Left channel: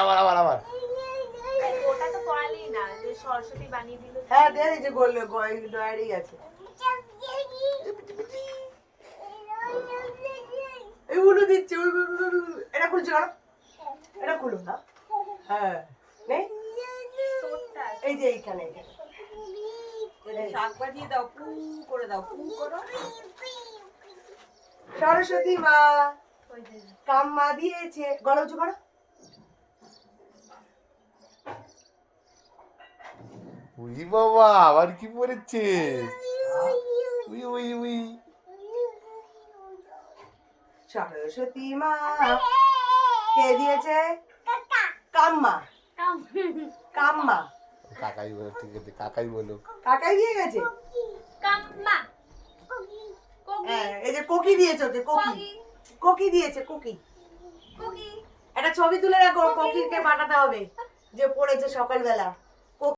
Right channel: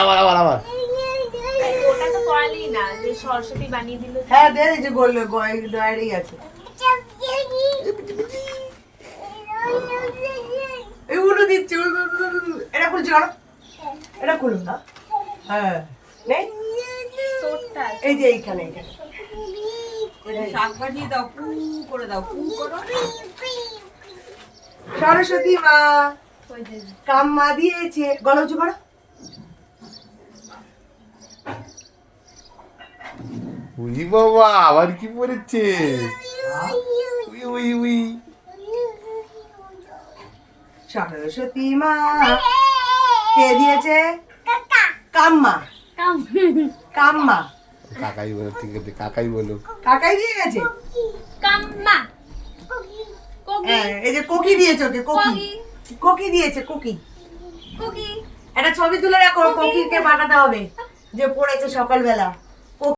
আবার ওটা তো পড়ালি না যে সরস্বতী বানিয়ে দিল। হ্যাঁ দে এই যে গোল ডায়েরি আছে এগুলো দিচ্ছে এটা খুলছি কেন এটা খুলুন না হ্যাঁ নেই এই যে এইখানে শাক বাজিয়ে দাও পু করে দাও পু করো সরস্বতী মা কাম্মা দিয়েছে গলা উঁচু করো উই বাবা আবার কি পড়েছে উই উই উই সরস্বতী মা কে দিয়েছে কাম্মা কাম্মা কাকাই বলো ঠিক আছে কাকাই বলো কাকাই দিয়ে গেছে কাম্মা হ্যাঁ এই যে কোকি দিয়েছে ওকে কোকি কোকি দিয়েছে কোকি কুকি একটা ছবি তুলে রাখো কোকিকে পাঠাতে হবে যে পড়েছে সকালবেলা